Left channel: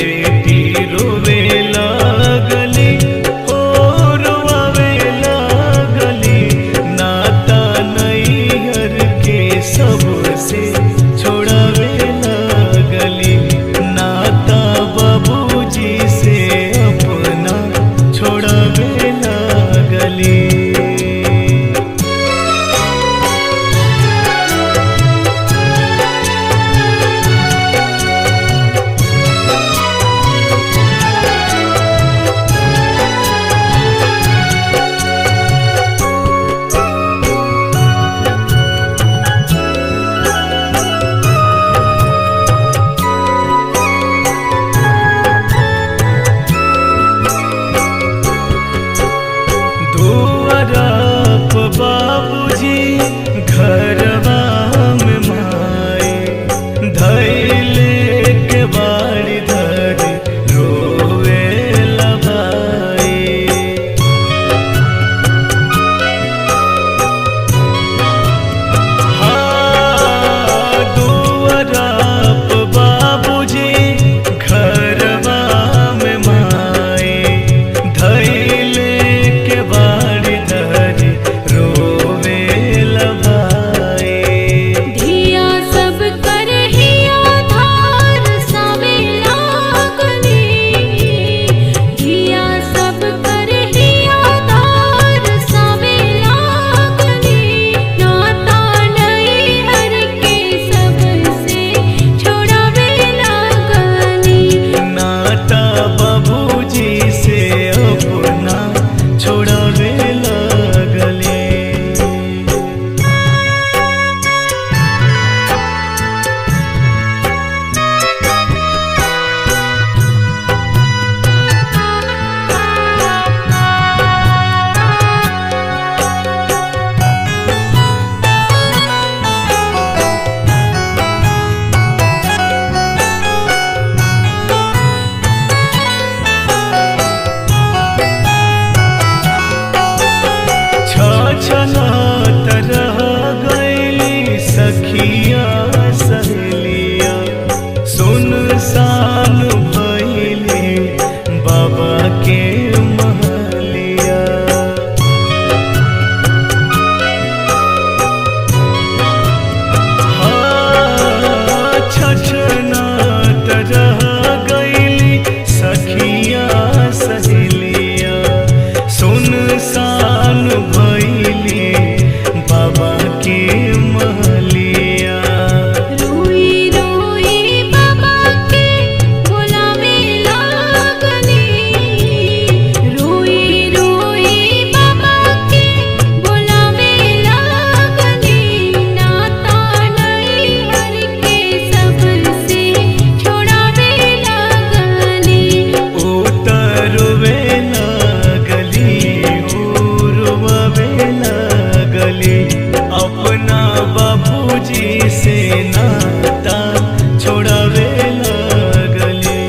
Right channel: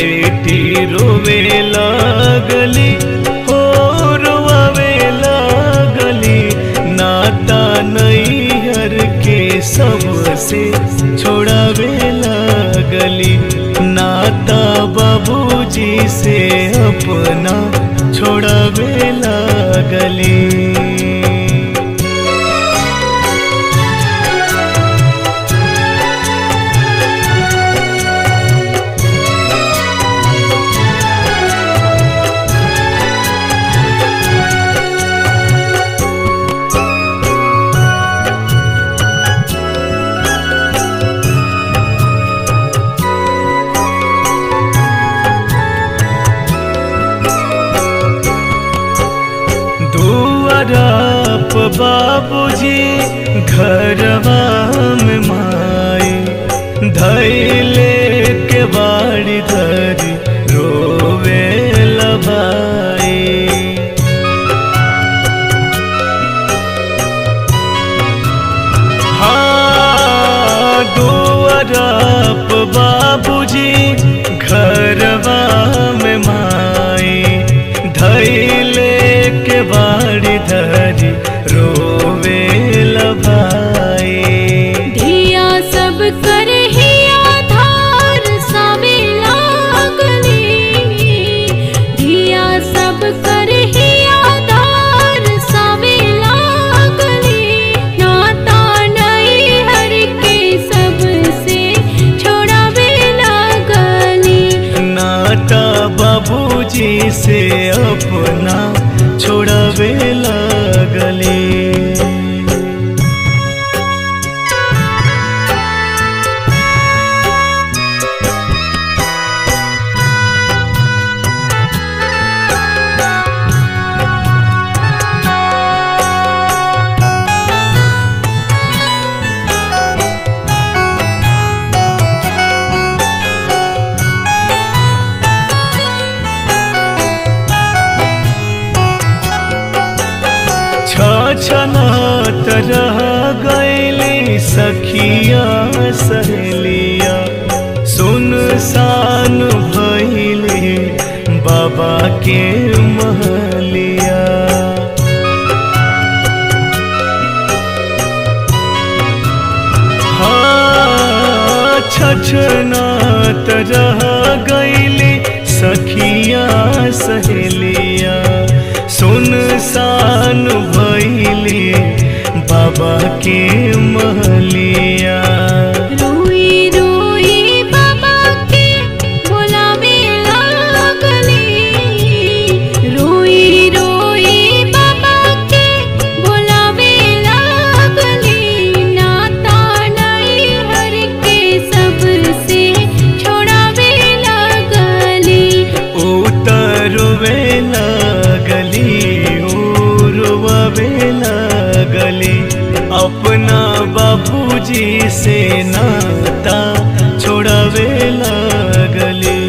बेटी रोवे लागली हो रोवे लागली। नाता नैहर के सबसे छोड़ावे लागली। नाता बाबूजी से अपना छोड़ावे लागली। दुआरप बाबूजी घरवा में माई धैले के बाड़ी धरी रोवे लभाई। हाँ दुआरप बाबूजी घरवा में माई धैले के बाड़ी धरी रोवे लभाई। धिया सब करे हिया धार सावे लागली। धिया सब करे हिया धार सावे लागली। नाता नैहर के सबसे छोड़ावे लागली। नाता बाबूजी से अपना छोड़ावे लागले। छछनत रह गईली सखिया सहेलिया। सुनसान भइले बाबा के महलिया। हाँ छछनत रह गईली सखिया सहेलिया। सुनसान भइले बाबा के महलिया। रोई रोई बाबा के बुलावे लागली। रोई रोई बाबा के बुलावे लागली। नाता नैहर के सबसे छोड़ावे लागली। उतरवे लागली रोवे लागली। अपना बाबूजी से नाता छोड़ावे लागली।